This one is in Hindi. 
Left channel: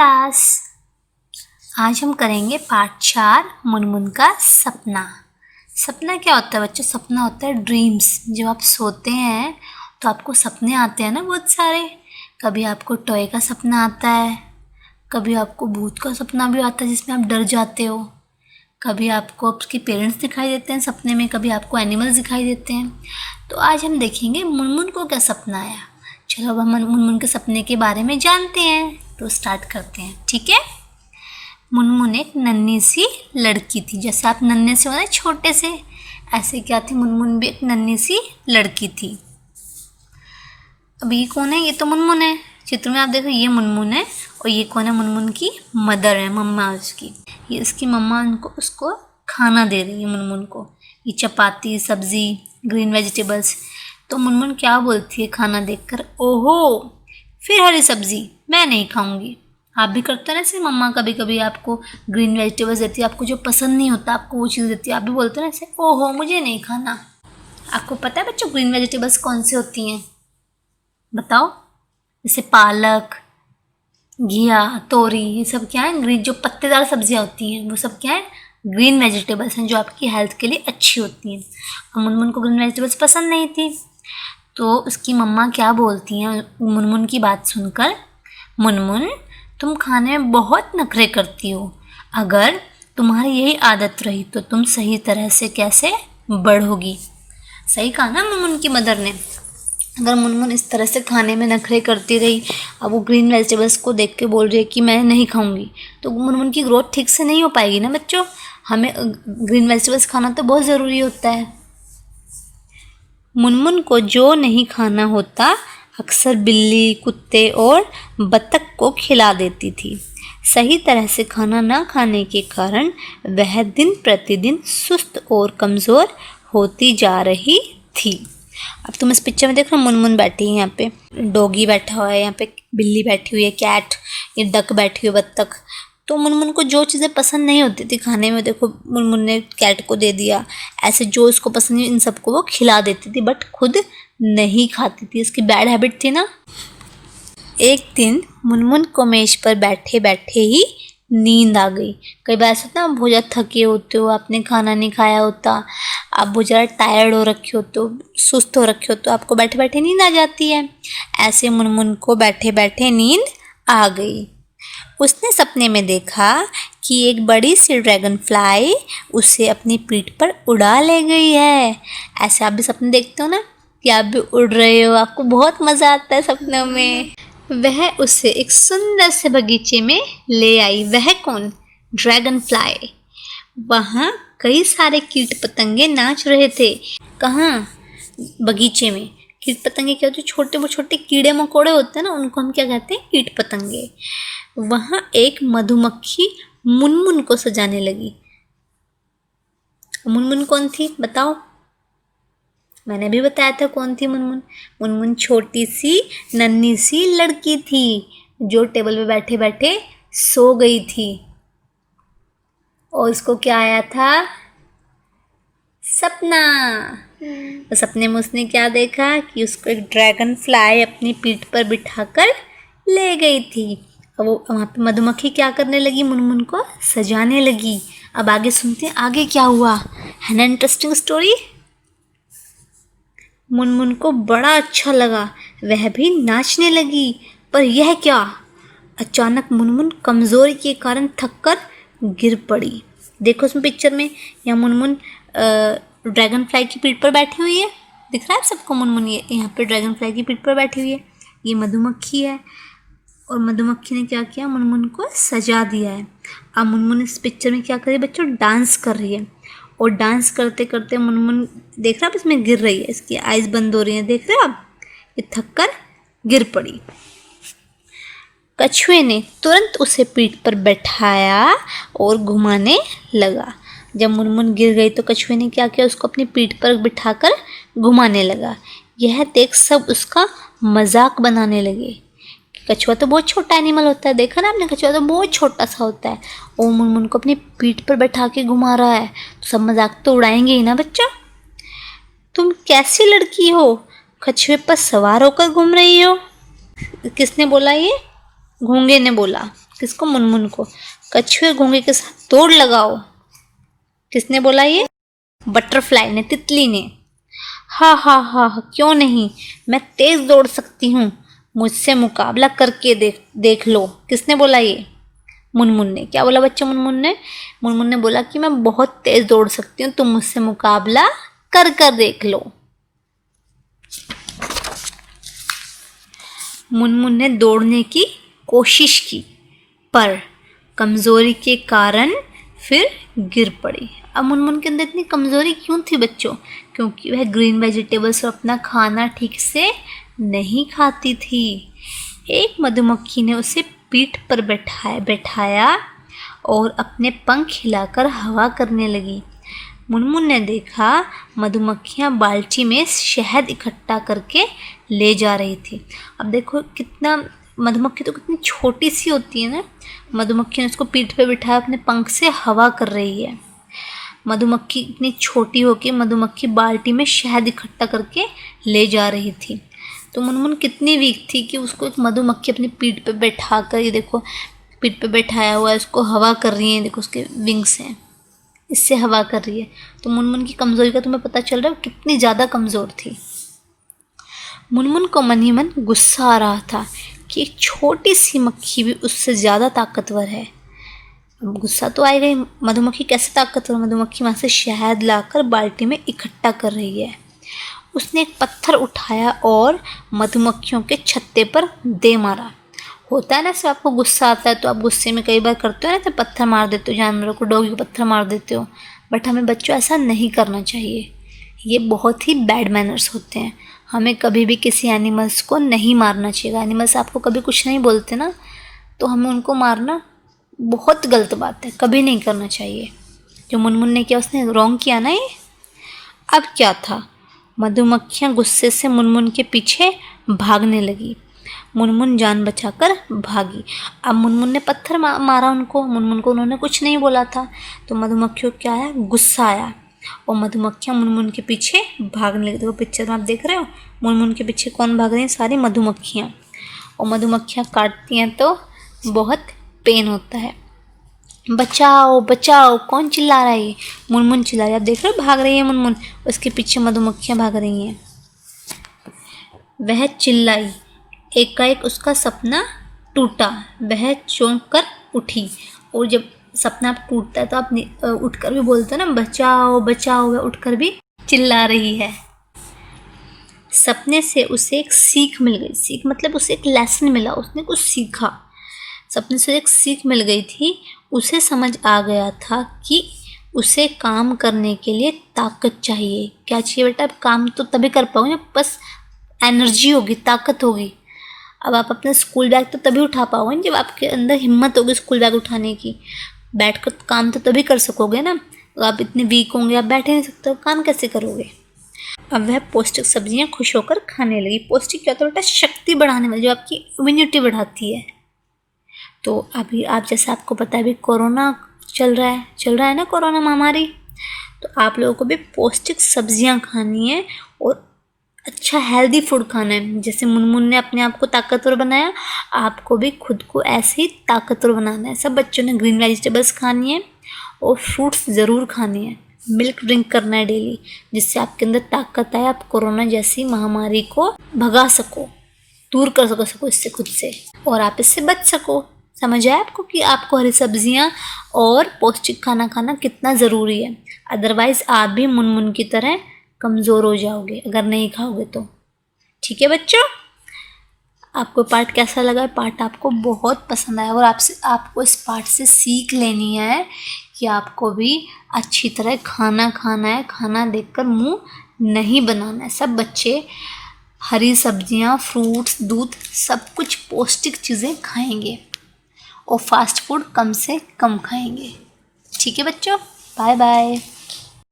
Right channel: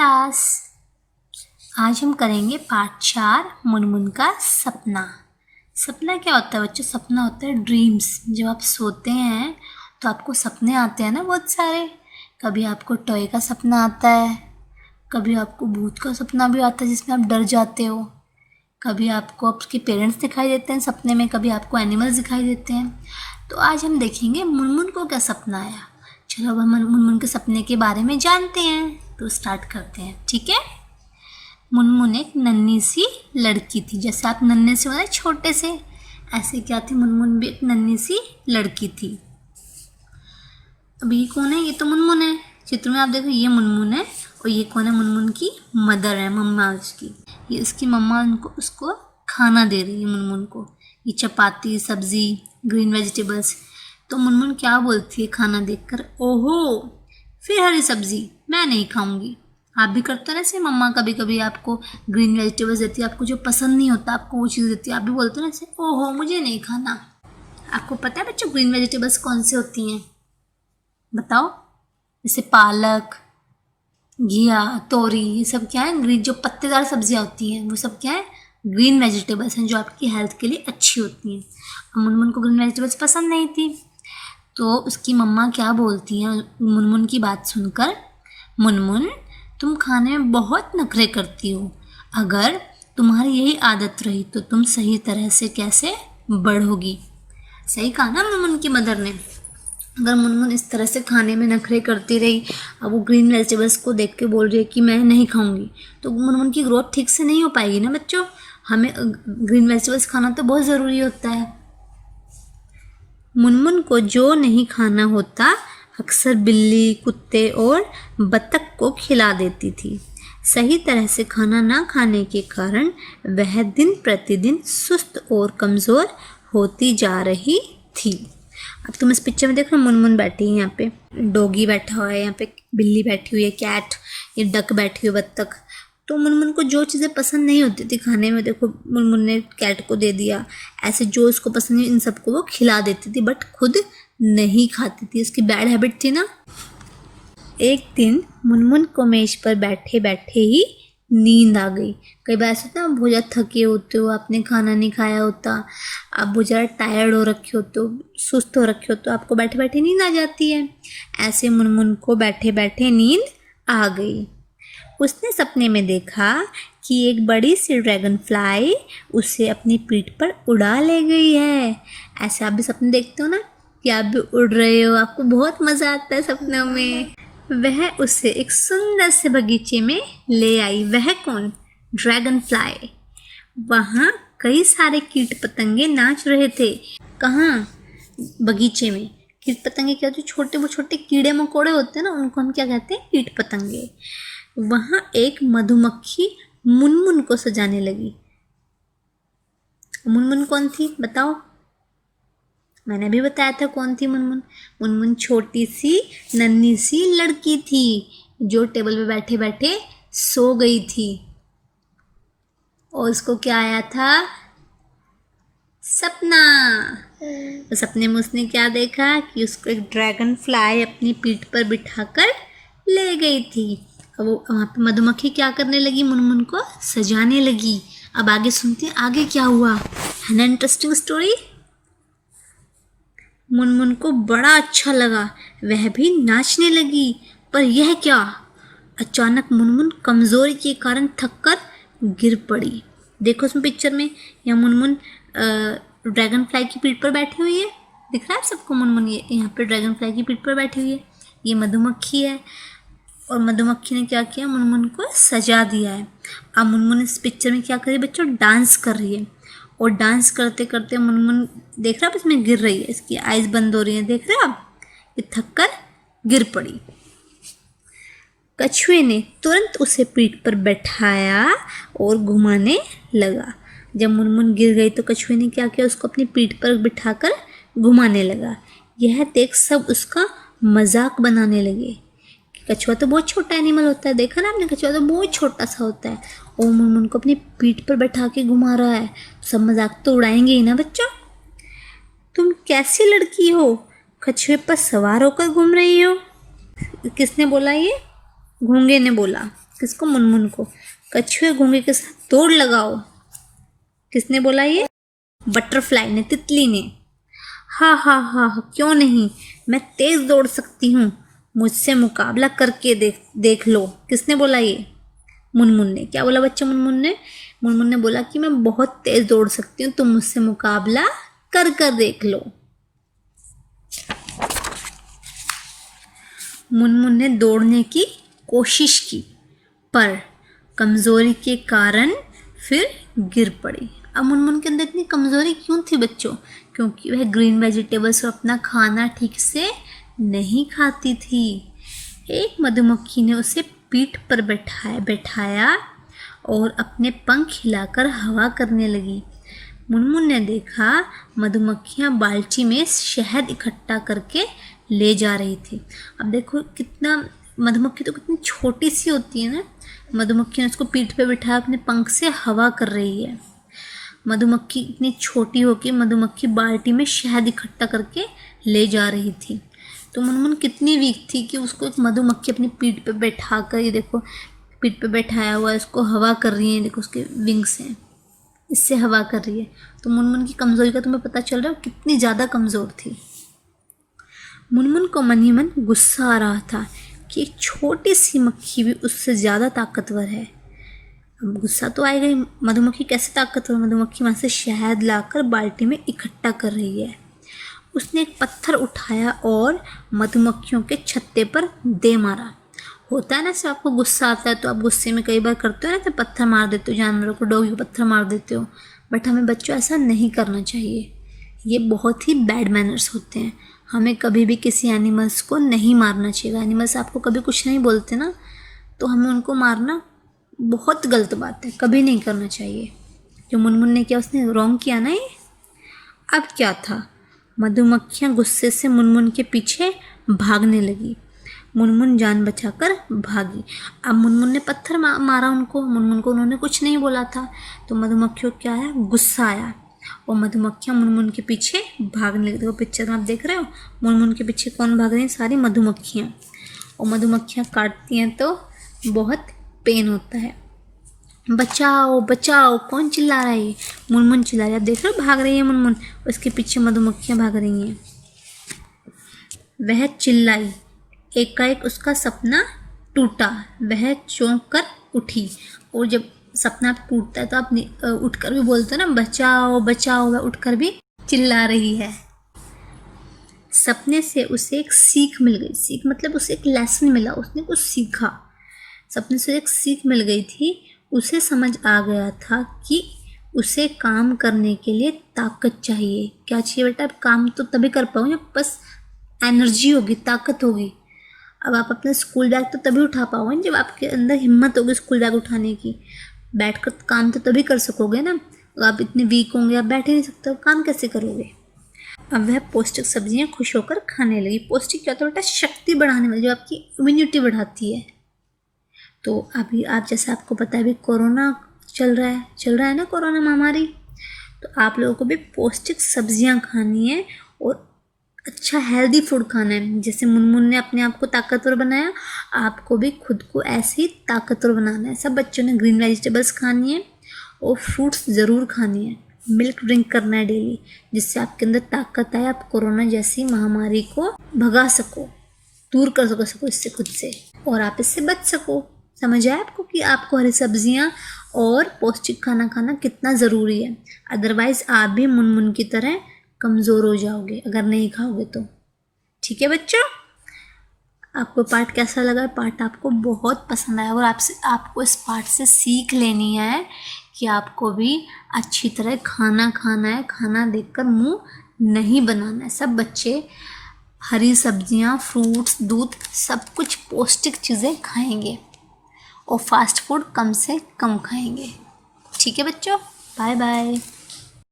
क्लास। आज हम करेंगे पार्ट 4 मुनमुन का सपना। सपना क्या होता है बच्चों? सपना होता है ड्रीम्स। जब आप सोते हैं तो आपको सपने आते हैं ना बहुत सारे। कभी आपको टॉय का सपना आता है, कभी आपको भूत का सपना भी आता है जिसमें आप डर जाते हो, कभी आपको आपके पेरेंट्स दिखाई देते हैं सपने में, कभी आपको एनिमल्स दिखाई देते हैं। तो आज हम देखेंगे मुनमुन को क्या सपना आया। चलो अब हम मुनमुन के सपने के बारे में जानते हैं। तो स्टार्ट करते हैं, ठीक है। मुनमुन एक नन्ही सी लड़की थी। जैसे आप नन्हे से हो ना, छोटे से, ऐसे क्या थी मुनमुन भी एक नन्ही सी लड़की थी। अब ये कौन है? ये तो मुनमुन है। चित्र में आप देखो ये मुनमुन है और ये कौन है? मुनमुन की मदर है, मम्मा उसकी। ये उसकी मम्मा उसको खाना दे रही है मुनमुन को। ये चपाती, सब्ज़ी, ग्रीन वेजिटेबल्स। तो मुनमुन क्या बोलती है खाना देखकर? ओहो, फिर हरी सब्ज़ी, मैं नहीं खाऊंगी। आप भी करते हो ना ऐसे? मम्मा कभी कभी आपको ग्रीन वेजिटेबल्स देती है, आपको जो पसंद नहीं होता आपको वो चीज़ देती है, आप भी बोलते हो ना ऐसे, ओहो मुझे नहीं खाना। आपको पता है बच्चों ग्रीन वेजिटेबल्स कौन से होती हैं? बताओ। जैसे पालक, घिया, तोरी, ये सब क्या है? ग्रीन जो पत्तेदार सब्जियां होती हैं वो सब क्या है? ग्रीन वेजिटेबल्स हैं जो आपकी हेल्थ के लिए अच्छी होती हैं। अब मुनमुन को ग्रीन वेजिटेबल्स पसंद नहीं थी, तो उसकी मम्मा क्या बोलती हैं मुनमुन की बात सुनकर? मुनमुन, तुम खाने में बहुत नखरे करती हो। अगर तुम्हारी यही आदत रही तो तुम सही तरह से कैसे बढ़ोगी? सही कहा ना मुनमुन की मदर ने। अगर मुनमुन इस तरह से खाने में नखरे करती रही, अब वो ग्रीन वेजिटेबल्स को देख के बोल रही है कि मैं नहीं खाऊंगी, तो मुनमुन की ग्रोथ ठीक से नहीं हो पाएगी ना बच्चों। हमें ग्रीन वेजिटेबल्स खाना तो बहुत ज़रूरी होता है। मुनमुन को जो नहीं खाना होता अक्सर बिल्ली, कुत्ते और बत्तख को खिला देती थी। सही तरह से खाना ना खाने के कारण वह दिन प्रतिदिन सुस्त और कमज़ोर होती जा रही थी। अब तुम इस पिक्चर में देखो, मुनमुन बैठी है, यहाँ पे डॉगी बैठा हुआ है, यहाँ पे बिल्ली बैठी हुई है, कैट, ये डक बैठी हुई है, बत्तख। तो मुनमुन को जो चीज़ें पसंद नहीं होती थी खाने में, देखो मुनमुन ने कैट को दे दिया। ऐसे जो इसको पसंद नहीं इन सबको वो खिला देती थी, बट खुद नहीं खाती थी। इसकी बैड हैबिट थी ना। एक दिन मुनमुन को मेज पर बैठे बैठे ही नींद आ गई। कई बार ऐसा होता है, बहुत ज़्यादा थके होते हो, आपने खाना नहीं खाया होता, आप बहुत ज़्यादा टायर्ड हो रखे होते हो, सुस्त हो रखे हो, तो आपको बैठे बैठे नींद आ जाती है। ऐसे मुनमुन को बैठे बैठे नींद आ गई। उसने सपने में देखा कि एक बड़ी सी ड्रैगन फ्लाई उसे अपनी पीठ पर उड़ा ले गई है। ऐसे आप भी सपने देखते हो ना कि आप भी उड़ रहे हो, आपको बहुत मज़ा आता है सपनों में। वह उसे एक सुंदर से बगीचे में ले आई। वह कौन? Dragon fly. वहाँ कई सारे कीट पतंगे नाच रहे थे। कहाँ? बगीचे में। कीट पतंगे क्या होते हैं? छोटे वो छोटे कीड़े मकोड़े होते हैं ना, उनको हम क्या कहते हैं? कीट पतंगे। वहाँ एक मधुमक्खी मुनमुन को सजाने लगी। मुनमुन कौन थी बताओ? मैंने भी बताया था कौन थी मुनमुन। मुनमुन छोटी सी नन्ही सी लड़की थी जो टेबल पे बैठे बैठे सो गई थी। और उसको क्या आया था? सपना। तो सपने में उसने क्या देखा कि उसको एक ड्रैगन फ्लाई अपनी पीठ पर बिठाकर ले गई थी। अब वो वहाँ पे मधुमक्खी क्या करने लगी? मुनमुन को सजाने लगी। अब आगे सुनते हैं आगे क्या हुआ, है ना इंटरेस्टिंग स्टोरी। मुनमुन को बड़ा अच्छा लगा, वह भी नाचने लगी। पर यह क्या? अचानक मुनमुन कमज़ोरी के कारण थककर गिर पड़ी। देखो उसमें पिक्चर में, यहाँ मुनमुन ड्रैगन फ्लाई की पीठ पर बैठी हुई है। दिख रहा है सबको? मुनमुन ये यहाँ पे ड्रैगन फ्लाई की पीठ पर बैठी हुई है। ये मधुमक्खी है और मधुमक्खी ने क्या किया? मुनमुन को सजा दिया है। अब मुनमुन इस पिक्चर में क्या कर रही है बच्चों? डांस कर रही है। और डांस करते करते मुनमुन, देख रहे आप इसमें गिर रही है, इसकी आइज़ बंद हो रही हैं, देख रहे हैं आप? ये थक कर गिर पड़ी। कछुए ने तुरंत उसे पीठ पर बैठाया और घुमाने लगा। जब मुनमुन गिर गई तो कछुए ने क्या किया? उसको अपनी पीठ पर बिठाकर घुमाने लगा। यह देख सब उसका मजाक बनाने लगे। कछुआ तो बहुत छोटा एनिमल होता है, देखा ना आपने? कछुआ तो बहुत छोटा सा होता है और मुनमुन को अपनी पीठ पर बैठा के घुमा रहा है, तो सब मजाक तो उड़ाएंगे ही ना बच्चों। तुम कैसी लड़की हो, कछुए पर सवार होकर घूम रही हो? किसने बोला? ये घोंगे ने बोला। किसको? मुनमुन को। कछुए घोंगे के साथ दौड़ लगाओ। किसने बोला ये? बटरफ्लाई ने, तितली ने। हा हा हा हा, क्यों नहीं, मैं तेज दौड़ सकती हूँ, मुझसे मुकाबला करके देख लो। किसने बोला ये? मुनमुन ने। क्या बोला बच्चों मुनमुन ने? मुनमुन ने बोला कि मैं बहुत तेज दौड़ सकती हूँ, तुम मुझसे मुकाबला कर कर देख लो। मुनमुन ने दौड़ने की कोशिश की, पर कमज़ोरी के कारण फिर गिर पड़ी। अब मुनमुन के अंदर इतनी कमज़ोरी क्यों थी बच्चों? क्योंकि वह ग्रीन वेजिटेबल्स और अपना खाना ठीक से नहीं खाती थी। एक मधुमक्खी ने उसे पीठ पर बैठाया और अपने पंख हिलाकर हवा करने लगी। मुनमुन ने देखा मधुमक्खियाँ बाल्टी में शहद इकट्ठा करके ले जा रही थी। अब देखो कितना, मधुमक्खी तो कितनी छोटी सी होती है ना। मधुमक्खी ने उसको पीठ पे बिठाया, अपने पंख से हवा कर रही है। मधुमक्खी इतनी छोटी होकर मधुमक्खी बाल्टी में शहद इकट्ठा करके ले जा रही थी। तो मुनमुन कितनी वीक थी कि उसको एक मधुमक्खी अपनी पीठ पे बैठा कर, ये देखो पीठ पे बैठाया हुआ है, उसको हवा कर रही है। देखो उसके विंग्स हैं, इससे हवा कर रही है। तो मुनमुन की कमज़ोरी का तुम्हें पता चल रहा है कितनी ज़्यादा कमज़ोर थी। मुनमुन को मन ही मन गुस्सा आ रहा था कि एक छोटी सी मक्खी भी उससे ज़्यादा ताकतवर है। अब गुस्सा तो आएगा ही, मधुमक्खी कैसे ताकतवर? मधुमक्खी वहाँ से शहद लाकर बाल्टी में इकट्ठा कर रही है। उसने एक पत्थर उठाया और मधुमक्खियों के छत्ते पर दे मारा। होता है ना, जब आपको गुस्सा आता है तो आप गुस्से में कई बार करते हो ना, तो पत्थर मार देते हो जानवरों को, डॉगी को पत्थर मार देते हो। बट हमें बच्चों ऐसा नहीं करना चाहिए, ये बहुत ही बैड मैनर्स होते हैं। हमें कभी भी किसी एनिमल्स को नहीं मारना चाहिए। एनिमल्स आपको कभी कुछ नहीं बोलते ना, तो हमें उनको मारना बहुत गलत बात है, कभी नहीं करना चाहिए। जो मुनमुन ने किया उसने रॉन्ग किया ना ये। अब क्या था, मधुमक्खियाँ गुस्से से मुनमुन के पीछे भागने लगी। मुनमुन जान बचाकर भागी। अब मुनमुन ने पत्थर मारा उनको, मुनमुन को उन्होंने कुछ नहीं बोला था। तो मधुमक्खियों को क्या आया? गुस्सा आया और मधुमक्खियाँ मुनमुन के पीछे भागने लगी। देखो पिक्चर में आप देख रहे हो, मुनमुन के पीछे कौन भाग रही हैं? सारी मधुमक्खियाँ। और मधुमक्खियाँ काटती हैं तो बहुत पेन होता है। बचाओ बचाओ, कौन चिल्ला रहा है? ये मुनमुन चिल्ला रही है। आप देख रहे हो भाग रही है मुनमुन, उसके पीछे मधुमक्खियाँ भाग रही हैं। वह चिल्लाई, एकाएक उसका सपना टूटा। वह चौंक कर उठी। और जब सपना टूटता है तो आप उठकर भी बोलते हो ना, बचाओ बचाओ। वह उठकर भी चिल्ला रही है। सपने से उसे एक सीख मिल गई। सीख मतलब उसे एक लेसन मिला, उसने कुछ सीखा। सपने से एक सीख मिल गई थी। उसे समझ आ गया था कि उसे काम करने के लिए ताकत चाहिए। क्या चाहिए बेटा? काम तो तभी कर पाओगे जब बस एनर्जी होगी, ताकत होगी। अब आप अपना स्कूल बैग तो तभी उठा पाओगे जब आपके अंदर हिम्मत होगी स्कूल बैग उठाने की। बैठकर काम तो तभी कर सकोगे ना। आप इतने वीक होंगे, आप बैठ ही नहीं सकते हो, काम कैसे करोगे? अब वह पौष्टिक सब्जियां खुश होकर खाने लगी। पौष्टिक क्या होता है बेटा? शक्ति बढ़ाने वाली, जो आपकी इम्यूनिटी बढ़ाती है। तो अभी आप जैसे आपको पता है अभी कोरोना चल रहा है ना, कोरोना महामारी। तो आप लोगों को भी पौष्टिक सब्जियां खानी है और अच्छा हेल्दी फूड खाना है। जैसे मुनमुन ने अपने आप को ताकतवर बनाया, आपको भी खुद को ऐसे ही ताकतवर बनाना है। सब बच्चों ने ग्रीन वेजिटेबल्स खानी है और फ्रूट्स ज़रूर खानी है। मिल्क ड्रिंक करना है डेली, जिससे आपके अंदर ताकत आए, आप कोरोना जैसी महामारी को भगा सको, दूर कर सको इससे खुद से, और आप इससे बच सको। समझ आया आपको कि आपको हरी सब्जियां और पौष्टिक खाना खाना कितना ज़रूरी है। अदरवाइज़ आप भी मुनमुन की तरह कमज़ोर हो जाओगे अगर नहीं खाओगे तो। ठीक है बच्चों, आपको पार्ट कैसा लगा? पार्ट आपको बहुत पसंद आया और आपको इस पार्ट से सीख लेनी है कि आपको भी अच्छी तरह खाना खाना है। खाना देखकर मुंह नहीं बनाना है। सब बच्चे हरी सब्जियां, फ्रूट्स, दूध, सब कुछ पौष्टिक चीज़ें खाएंगे और फास्ट फूड कम से कम खाएंगे। ठीक है बच्चों, बाय बाय।